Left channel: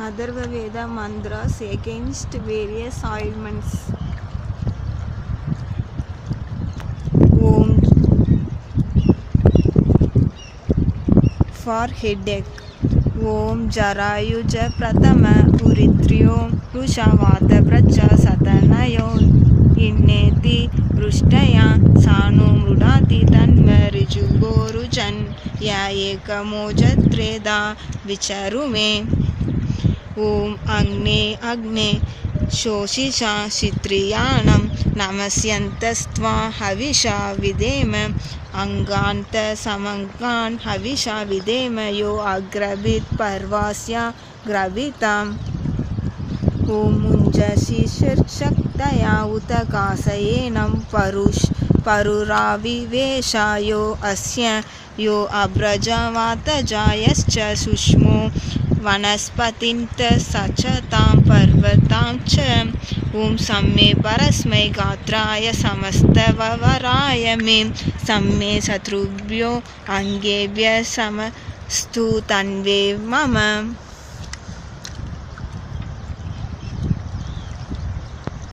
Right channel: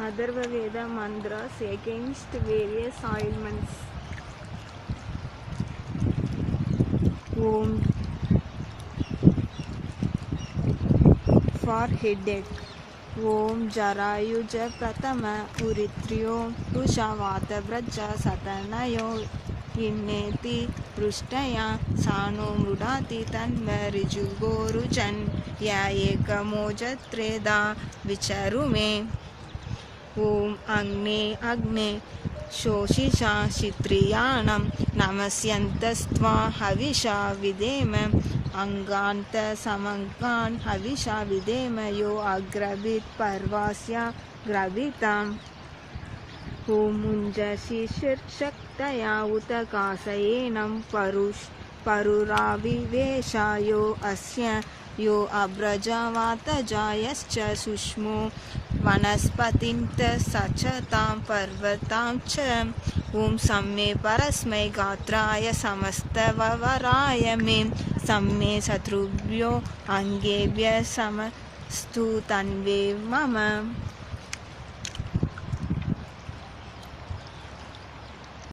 Atharva Veda mantras against various ailments. Om for headache. Om Jarayuja Pratama Uritryo Rushavata Pracha Satanayo Inneti Rushtaya Sanu Mrudati Tanvariju Gorujan Ya Ekamojatreda Vicharume. Om Agne Agne Shoshisha Shitriyanam Namasyantastva Havisha Videma Anganta Samangan Havisha Videma Yo Agrabit Parvasya Gravitam. Om Munjashi Shaktaya Utakasayenam Paruravi Veshayo Asya Yo Abrajavata Jayascha Sushmo Vanaspatinta Sachatam Parvatam Cha. Om Samme Parasmai Gatraya Samastavaraya Me Samme Satrubhyo Angebhya Samastu Tanve Mama.